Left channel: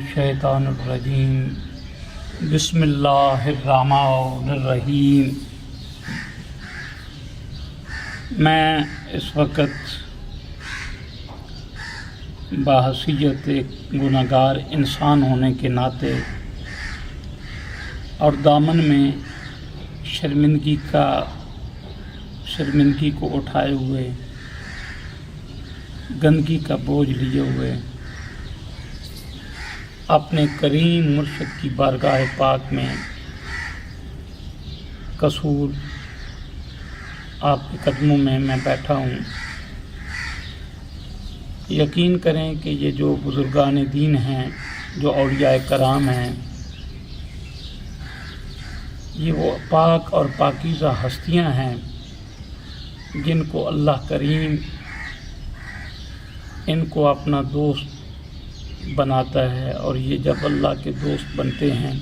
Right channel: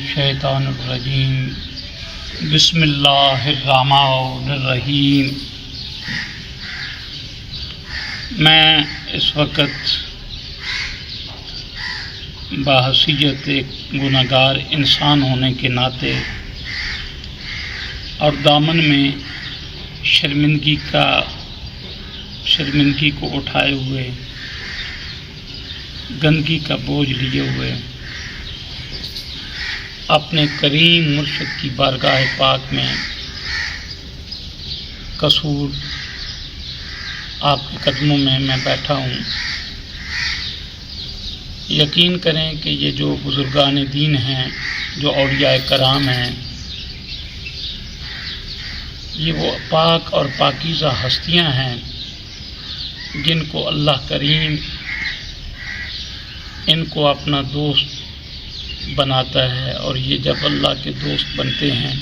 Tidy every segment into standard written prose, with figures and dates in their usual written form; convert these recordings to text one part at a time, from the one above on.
الشیطان الرجیم بسم اللہ الرحمن الرحیم۔ میں اس وقت بحیثیت ایک گنہگار انسان ہونے کے ناطے اور دامن میں شرمندگی کو اٹھائے ہوئے، گندگی کا بوجھ لیے ہوئے، اپنے کریم مرشد کی بارگاہ پاک میں قصور آپ کے قدموں میں بیٹھا ہوں۔ یقین کریں کہ یہ جو بزرگان دین ہیں، جو اولیاء کرام ہیں، یہ وہ پاک اور پاکیزہ ہستیاں ہیں جن کو اللہ کریم ان کو اپنا دوست بناتا ہے، اور یہ جب اللہ کے دوست بنتے ہیں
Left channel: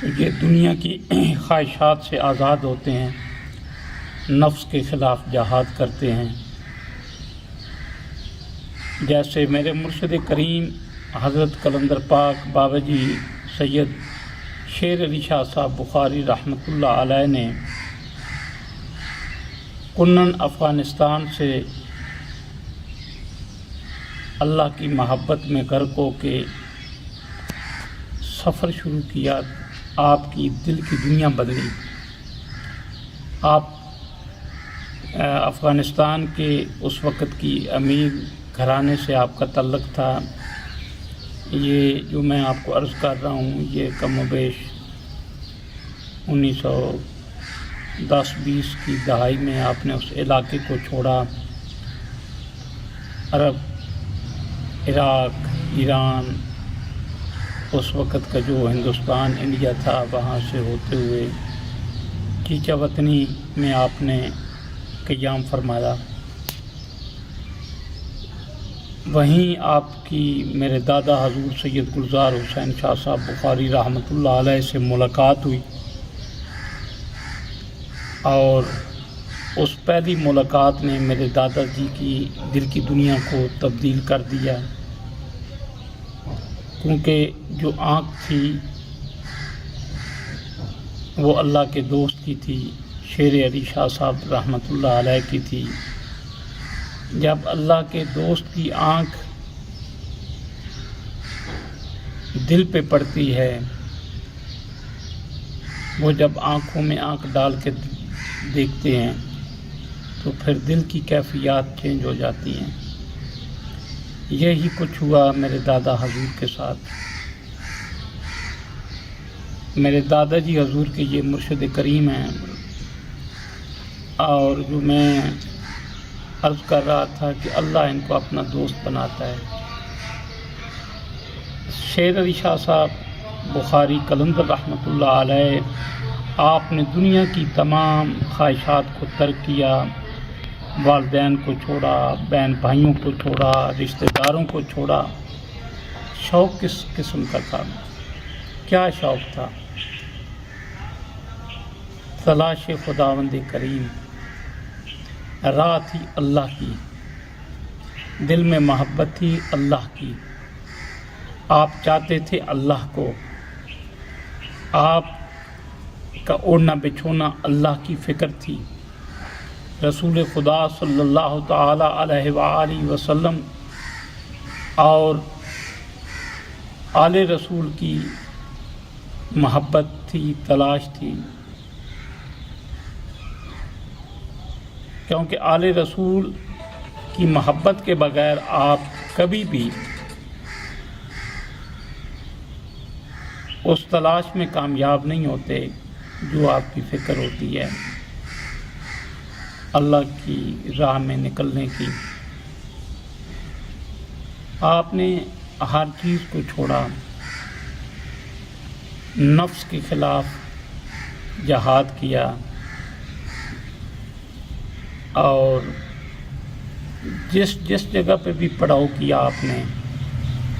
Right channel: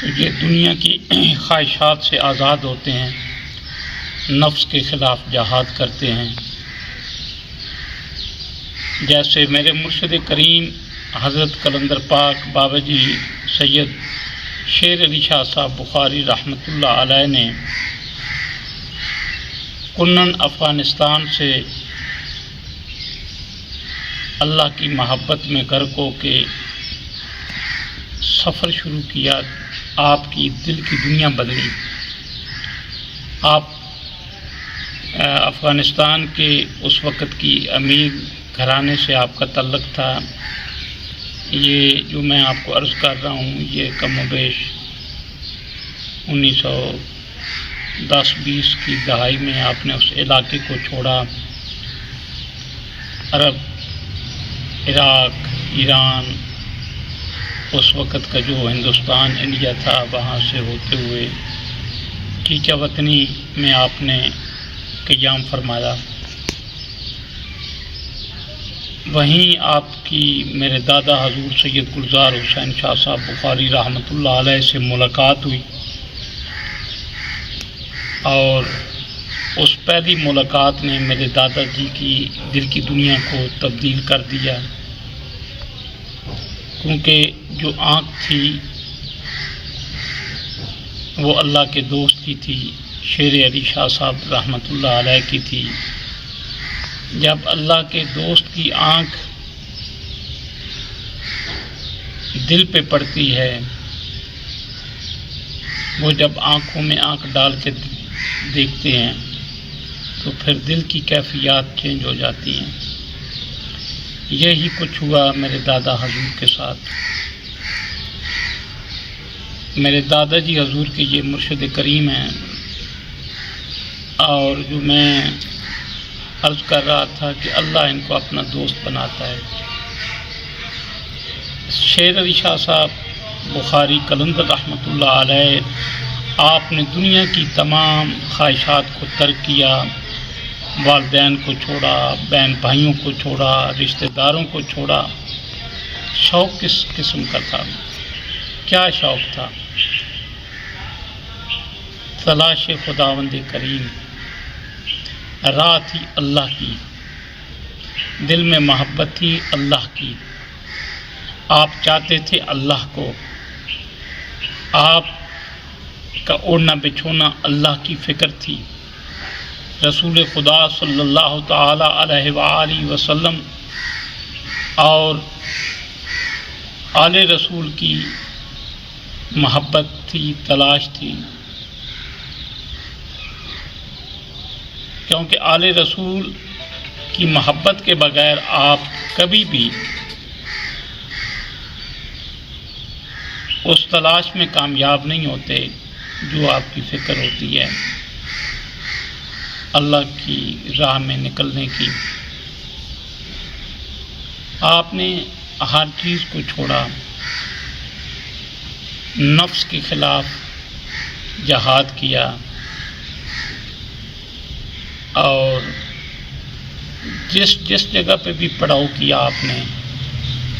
تو یہ دنیا کی خواہشات سے آزاد ہوتے ہیں، نفس کے خلاف جہاد کرتے ہیں۔ جیسے میرے مرشد کریم حضرت قلندر پاک بابا جی سید شیر علی شاہ صاحب بخاری رحمۃ اللہ علیہ نے کنن افغانستان سے اللہ کی محبت میں غرق ہو کے سفر شروع کیا، آپ کی دل کی دنیا بدلی۔ آپ افغانستان کے اس وقت کی امیر گھرانے سے آپ کا تعلق تھا۔ یہ جو میں آپ کو عرض کر رہا ہوں، یہ کم و بیش 1910-20 کی دہائی میں آپ نے اس علاقے کو چھوڑا۔ عرب، عراق، ایران، اس وقت کا جو ہندوستان انڈیا تھا، وہاں سے ہوتے ہوئے کیچا وطنی میں آپ نے قیام فرمایا۔ وہیں آپ کی میرے دادا حضور سید گلزار حسین شاہ صاحب بخاری رحمۃ اللہ علیہ سے ملاقات ہوئی، اور اس پہلی ملاقات نے میرے دادا جی کی دل کی دنیا کو تبدیل کر دیا، کیونکہ جو آنکھ تھی وہ اللہ کے دوست کی تھی، شیر علی شاہ صاحب رحمۃ اللہ علیہ کی تھی۔ جب اللہ کے دوست کی آنکھ دل پہ پڑتی ہے، وہ جب آنکھوں میں آنکھ ڈال کے دیکھتے ہیں تو پھر دل کی کیفیات چینج ہو جاتی ہیں۔ یہی کچھ ہوا میرے دادا حضور کے ساتھ۔ میرے دادا جی حضور کے یہ مرشد کریم ہیں، اور جو میں عرض کر رہا تھا کہ اللہ ان کو اپنا دوست بناتا ہے۔ شیر علی شاہ صاحب بخاری قلندر رحمۃ اللہ علیہ، آپ نے دنیا کی تمام خواہشات کو ترک کیا، والدین کو چھوڑا، بہن بھائیوں کو چھوڑا، رشتہ داروں کو چھوڑا۔ شوق کس قسم کا تھا؟ کیا شوق تھا؟ تلاش خداوند کریم، راہ تھی اللہ کی، دل میں محبت تھی اللہ کی، آپ چاہتے تھے اللہ کو، آپ کا اوڑھنا بچھونا اللہ کی فکر تھی۔ رسول خدا صلی اللہ تعالی علیہ وآلہ وسلم اور آل رسول کی محبت تھی، تلاش تھی، کیونکہ آل رسول کی محبت کے بغیر آپ کبھی بھی اس تلاش میں کامیاب نہیں ہوتے جو آپ کی فکر ہوتی ہے اللہ کی راہ میں نکلنے کی۔ آپ نے ہر چیز کو چھوڑا، نفس کے خلاف جہاد کیا، اور جس جگہ پہ بھی پڑاؤ کیا آپ نے،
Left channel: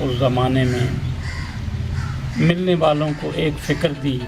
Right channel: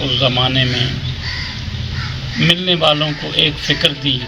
اس زمانے میں ملنے والوں کو ایک فکر دی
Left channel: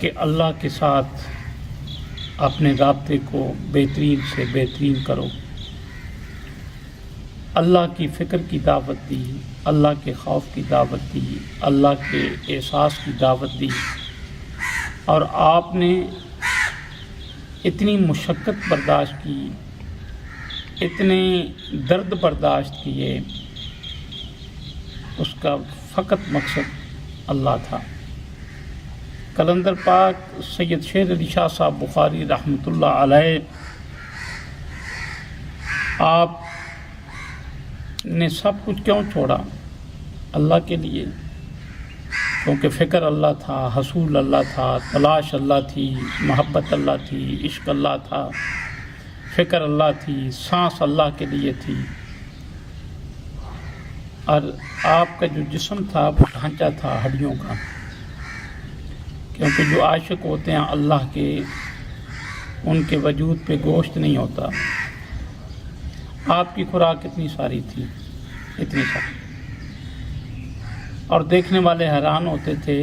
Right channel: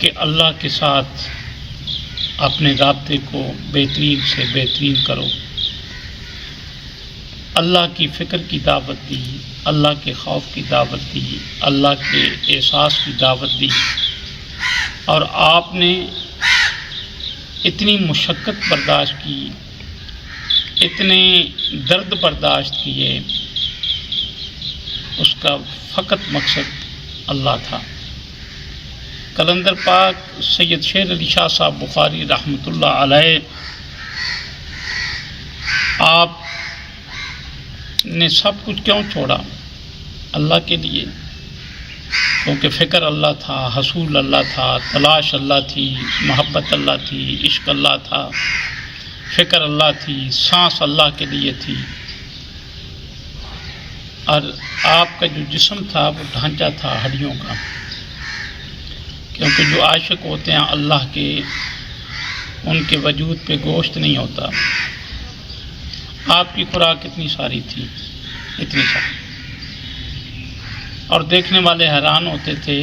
کہ اللہ کے ساتھ اپنے رابطے کو بہترین سے بہترین کرو۔ اللہ کی فکر کی دعوت دی، اللہ کے خوف کی دعوت دی، اللہ کے احساس کی دعوت دی، اور آپ نے اتنی مشقت برداشت کی، اتنے درد برداشت کیے، اس کا فقط مقصد اللہ تھا۔ کلندر پاک سید شیر علی شاہ صاحب بخاری رحمۃ اللہ علیہ، آپ نے سب کچھ کیوں چھوڑا؟ اللہ کے لیے، کیونکہ فکر اللہ تھا، حصول اللہ تھا، تلاش اللہ تھی، محبت اللہ تھی، عشق اللہ تھا، فکر اللہ تھی، سانس اللہ کے لیے تھی، اور آپ کا جو جسم تھا وہ ڈھانچہ تھا ہڈیوں کا، کیونکہ جو عاشق ہوتے ہیں اللہ کے، ان کے وجود پہ گوشت نہیں ہوتا۔ آپ کی خوراک اتنی ساری تھی، اتنی ساری، اور دیکھنے والے حیران ہوتے تھے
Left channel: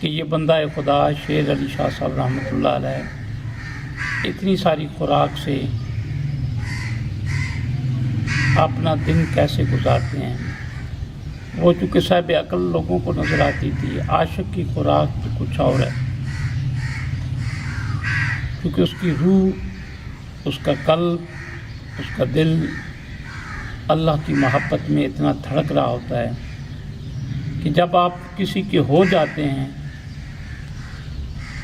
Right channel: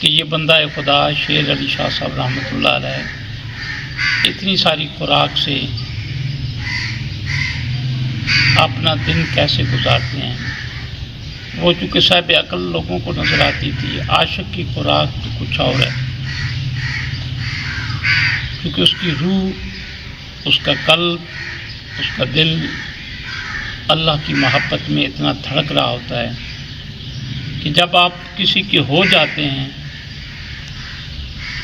کہ یہ بندہ خدا شیر علی شاہ صاحب رحمۃ اللہ علیہ اتنی ساری خوراک سے اپنا دن کیسے گزارتے ہیں۔ وہ چونکہ صاحب عقل لوگوں کو نظر آتی تھی، عاشق کی خوراک تو کچھ اور ہے، کیونکہ اس کی روح، اس کا قلب، اس کا دل اللہ کی محبت میں اتنا دھڑک رہا ہوتا ہے کہ جب آپ کسی کے ہو جاتے ہیں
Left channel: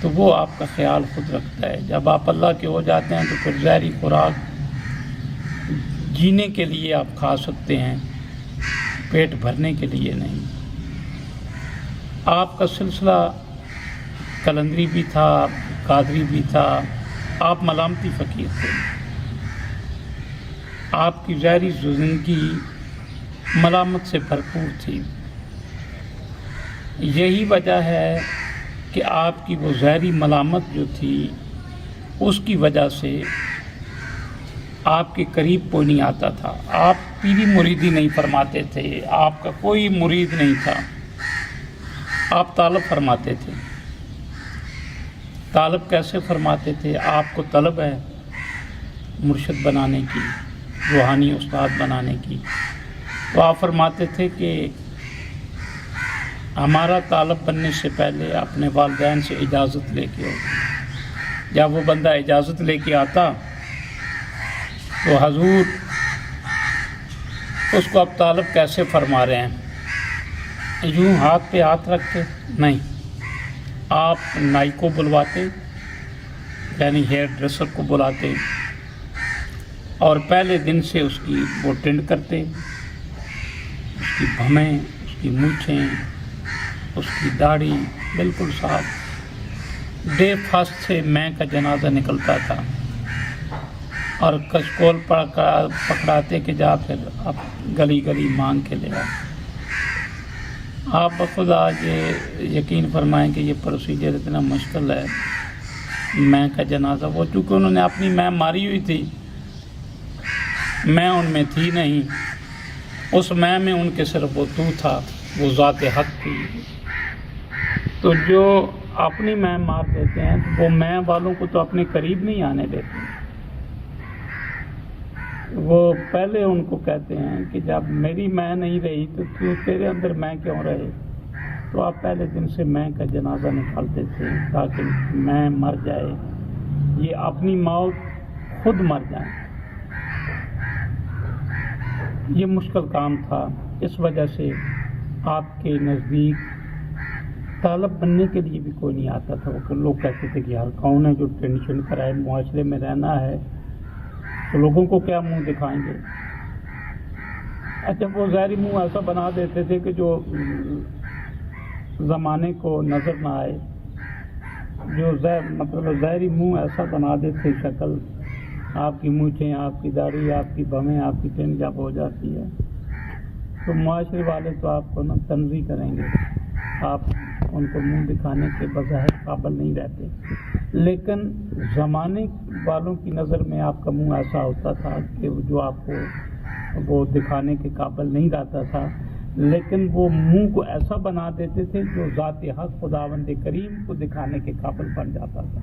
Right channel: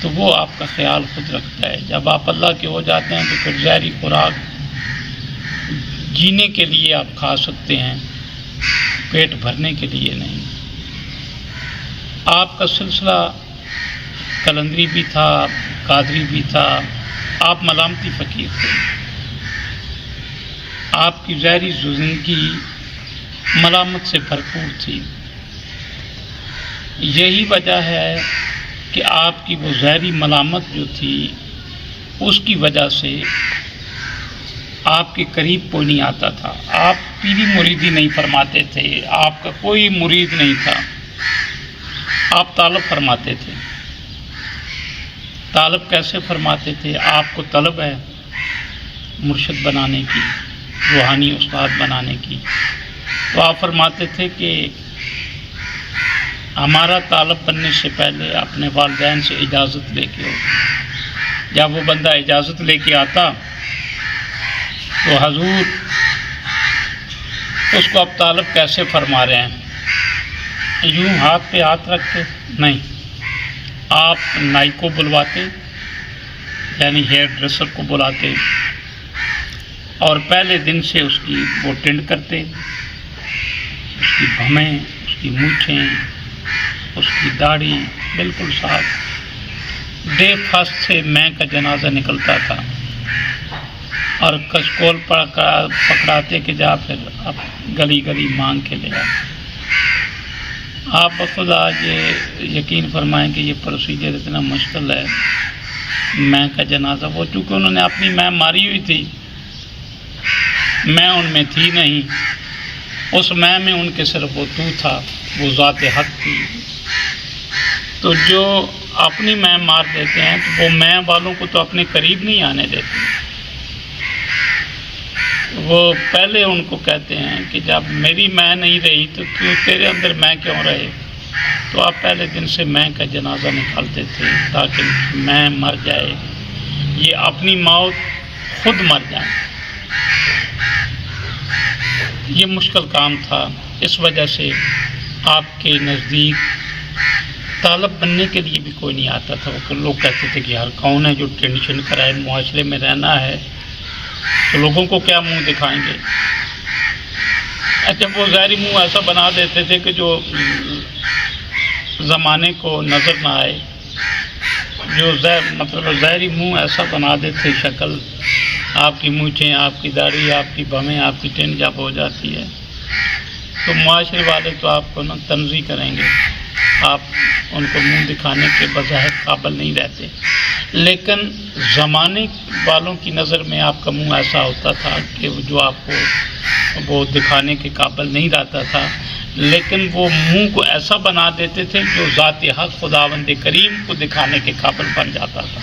تو وہ آپ کا خیال خود رکھتا ہے، جب آپ اللہ کے ہو جاتے ہیں تو پھر زہری خوراک جینے کے لیے آپ کھا سکتے ہیں، پیٹ بھرنے کے لیے نہیں۔ آپ کا سلسلہ کلندری بھی تھا، قادری بھی تھا، آپ ملامتی فقیر تھے، آپ کی ظاہری زندگی ملامت سے بھرپور تھی۔ یہی وجہ ہے کہ آپ کی وہ ظاہری ملامت جو تھی، اس کی وجہ سے آپ کے قریب کوئی نہیں آتا تھا۔ آپ پیری مریدی نہیں فرماتے تھے، آپ کا کوئی مرید نہیں تھا، آپ طالب فرماتے تھے۔ طالب کیسے فرماتے تھے؟ آپ کو طلب ہے مرشد بنانے کی، روحانی استاد بنانے کی، تو آپ فرماتے تھے کہ ہمارا طالب بننے سے پہلے اپنے والدین سے اجازت لے کے ہو۔ جب وہ بندہ اجازت لے کے آتا تو حضور اس کو اب طالب کیسے فرما رہے ہیں؟ یوں ہاتھ پہ ہاتھ رکھ کے نہیں، آپ نائی کو بلواتے، یعنی ہیئر ڈریسر کو بلاتے، اور پہلے دن سے اس کی وہ ٹینڈ کرتے، اس کی بھمیں، اس کی مونچھیں، اس کی داڑھی بالکل صاف۔ ڈے فاسٹ سے میں کا جنازہ نکلتا تھا، اور کشکول پکڑاتے کہ جا پھر اب گلی گلی مانگ کے لے آ۔ آپ بخود آج یقین فرمائیں کہ یہ پروسیجر اتنا مشکل ہے۔ میں کا جنازہ، وہ چونکہ انہوں نے اپنی میں ماری ہوئی تھی، میں ان میں تھی نہیں، اس میں ان کے صرف وہ تو تھا، وہ ذات حق تھی۔ تو جو اپنی میں مار دیتے ہیں تو وہ میں والوں کو تو اپنے قریب نہیں آنے دیتے، وہ پہلے ان کو کہتے ہیں کہ جب میری میں نہیں رہی تو تیرے اندر میں کیوں رہے؟ تو آپ پہلے دن سے میں کا جنازہ نکالتے تھے تاکہ میں مر جائے، یہ اپنی موت خود مر جائیں۔ یہ مشکل کام تھا، اس وجہ سے آپ کے نزدیک طالب بننے کے لیے بھی کوئی نہیں آتا تھا۔ وہ لوگ کہتے تھے کہ یار کون ہے جو ٹینشن کرائے، معاشرے میں رہنا ہے تو لوگوں کو کیا منہ دکھائیں گے۔ اچھا، وہ ظاہری منہ ایسا بنا دیتے تھے کہ جو زمانے کو نظر نہ آئے، جو مطلب ظاہری منہ ایسا بنا دیتے، شکل آپ کی مونچھیں، آپ کی داڑھی، آپ کی بھمیں، آپ کی ٹین جب ہو جاتی ہے تو معاشرے والے تو آپ کو تنزیہ کریں گے، آپ ان کو منہ دکھانے کے بظاہر قابل نہیں رہتے۔ لیکن زمانے والوں کی نظر میں آپ کا منہ ایسا ہوتا تھا کہ جو آپ کو وہ دکھانے کے قابل نہیں رہتا تھا، لیکن وہ منہ کو ایسا بنا دیتے تھے جو ذات حق خداوند کریم کو دکھانے کے قابل بن جاتا تھا،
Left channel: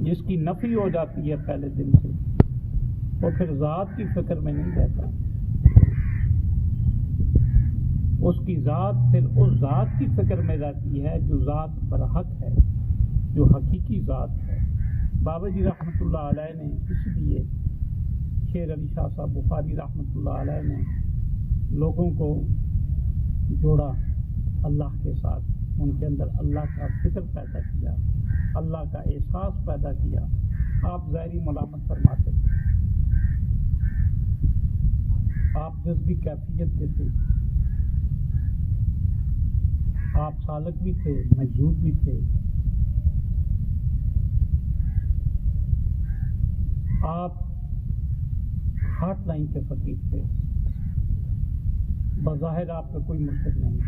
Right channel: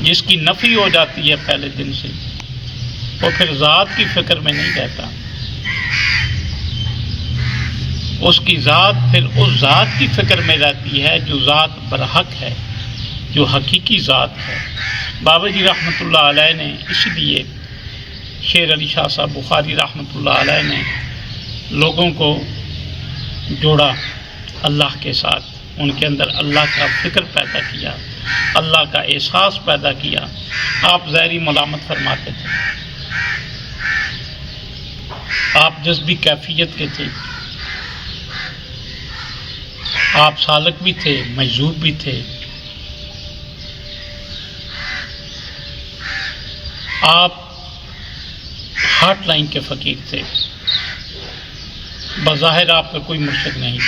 جس کی نفی ہو جاتی ہے پہلے دن سے۔ وہ پھر ذات کی فکر میں نہیں رہتا، اس کی ذات پھر اس ذات کی فکر میں رہتی ہے جو ذات برحق ہے، جو حقیقی ذات ہے۔ بابا جی رحمۃ اللہ علیہ نے اس لیے شیر علی شاہ صاحب بخاری رحمۃ اللہ علیہ نے لوگوں کو جوڑا اللہ کے ساتھ، ان کے اندر اللہ کا فکر پیدا کیا، اللہ کا احساس پیدا کیا۔ آپ ظاہری ملامت فرماتے تھے، آپ جذبی کیفیت کے تھے، آپ سالک بھی تھے، مجذوب بھی تھے، آپ ہارٹ لائن کے فقیر تھے، بظاہر آپ کا کوئی مرشد نہیں۔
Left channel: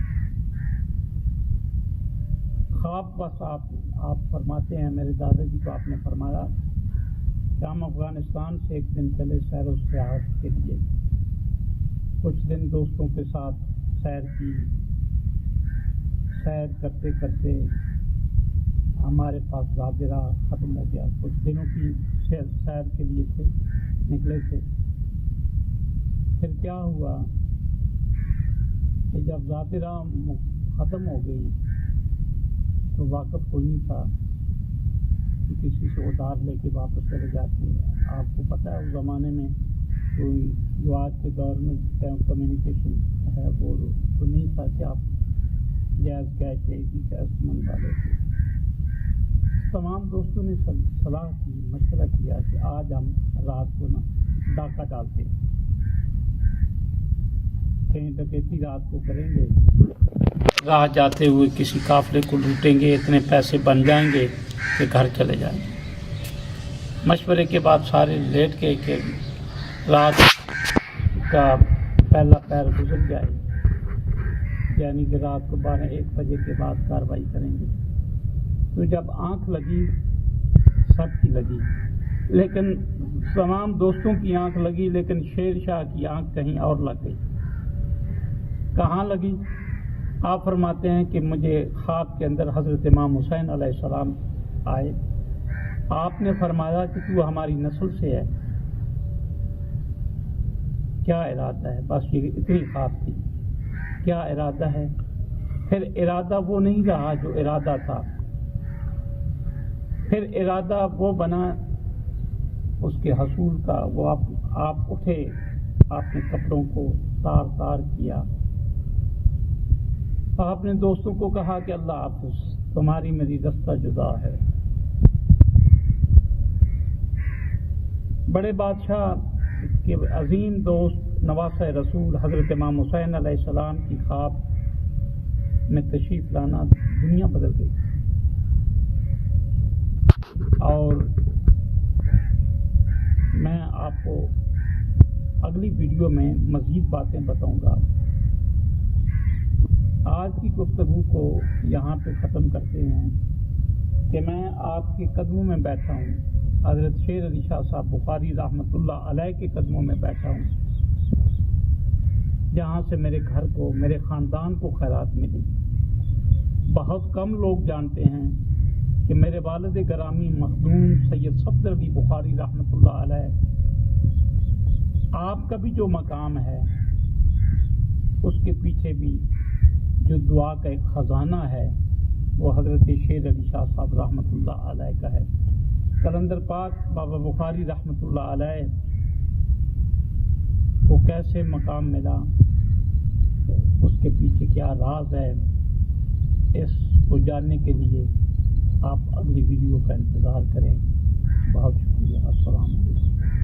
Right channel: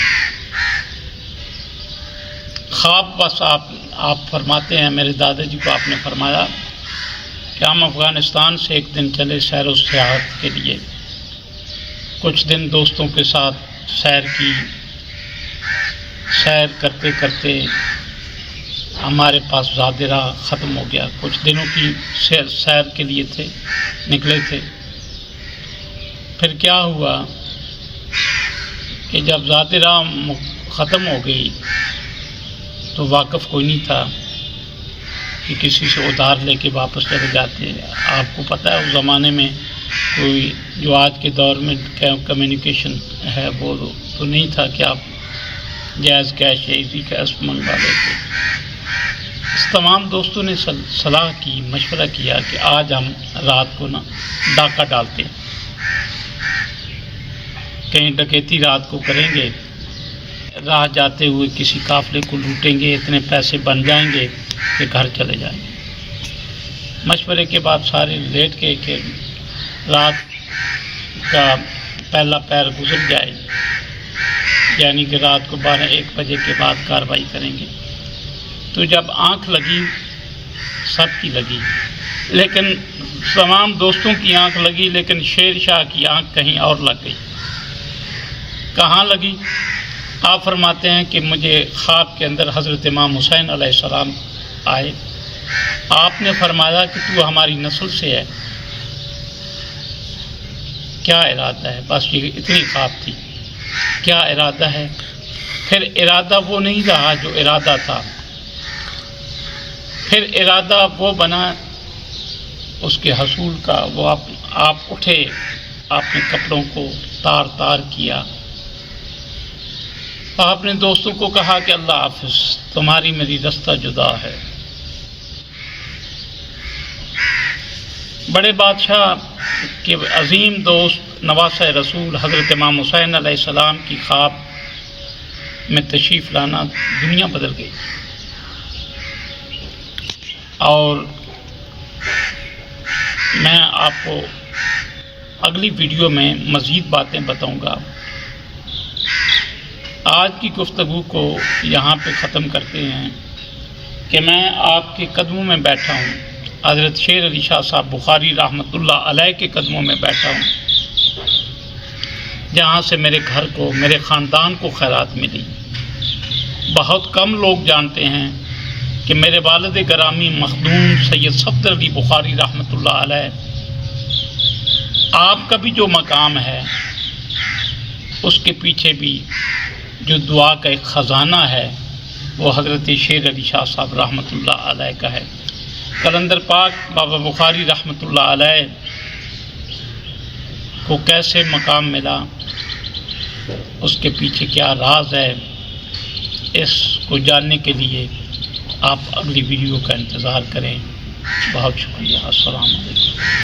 خواب بس آپ فرماتے ہیں، میرے دادا جی کو آپ نے فرمایا کہ ہم افغانستان سے ایک دن چلے سیر و سیاحت کے لیے، کچھ دن دوستوں کے ساتھ سیر کی، سیر کرتے کرتے ہمارے پاس زاد راہ ختم ہو گیا، کچھ دنوں کی سیر کے لیے نکلے تھے۔ پھر کیا ہوا کہ جب ذات راہ ختم ہو گئی تو واقف کوئی نہیں تھا کہ کسی سے ادھار لے کے واپس چلے جاتے۔ آپ کو پتہ ہے اس زمانے میں کوئی جو آج کے دور میں کمیونیکیشن ہے وہ تو نہیں تھا کہ آپ جائز کیش یا ایزی کیش منگوا لیتے۔ اس تمام دوستوں نے صلاح کی، مشورہ کیا کہ آج ہم رات کو ڈاکہ ڈالتے ہیں، کہیں ڈکیتی رات کو کریں گے، راہ جاتے ہوئے کسی قافلے کو لوٹیں گے، اتنے پیسے بن جائیں گے کہ گھر چلے جائیں گے۔ مشورے کے بعد سارے لیٹ کے کہ رات کا پہلا پہر گزر جائے، یعنی کہ رات کو 12-1 بجے کے بعد کارروائی کریں گے۔ تو جب آنکھ لگی، سب کی لگی، لیکن تمام دوستوں کی آنکھ لگی، لیکن شیر شاہ کی آنکھ کہیں اور لگ گئی۔ کہاں لگی؟ آپ فرماتے ہیں کہ مجھے خواب کے اندر حضرت امام حسین علیہ السلام آئے، آپ نے فرمایا کہ تو ہماری نسل سے ہے، کیا ارادہ ہے؟ بس یہ اتنی خواب تھی، کیا ارادہ ہے؟ پھر ارادہ وہ نہیں رہا جو ارادہ تھا، پھر ارادہ وہ بنا اس کے حصول کا۔ وہ آپ اٹھے، آپ نے کپڑوں کو تار تار کیا، آپ نے دوستوں کو کہا کہ اللہ حافظ، تمہاری میری رستہ جدا ہے۔ بڑے بادشاہ کے عظیم دوست نواسہ رسول حضرت امام حسین علیہ السلام کی خواب میں تشریف لانا دنیا بدل گئی۔ اور میں آپ کو اگلی ویڈیو میں مزید باتیں بتاؤں گا۔ آج کی گفتگو کو یہاں پہ ختم کرتے ہیں کہ میں آپ کے قدموں میں بیٹھا ہوں، حضرت شیر علی شاہ صاحب بخاری رحمۃ اللہ علیہ کے قدموں میں بیٹھا ہوں، جہاں سے میرے گھر کو، میرے خاندان کو خیرات ملی۔ بہت کم لوگ جانتے ہیں کہ میرے والد گرامی مخدوم سید صفدر علی بخاری رحمۃ اللہ علیہ، آپ کا بھی جو مقام ہے اس کے پیچھے بھی جو دعا کا ایک خزانہ ہے وہ حضرت شیر علی شاہ صاحب رحمۃ اللہ علیہ کا ہے۔ قلندر پاک بابا بخاری رحمۃ اللہ علیہ کو کیسے مقام ملا، اس کے پیچھے کیا راز ہے، اس کو جاننے کے لیے آپ اگلی ویڈیو کا انتظار کریں۔ بہت شکریہ۔ السلام علیکم۔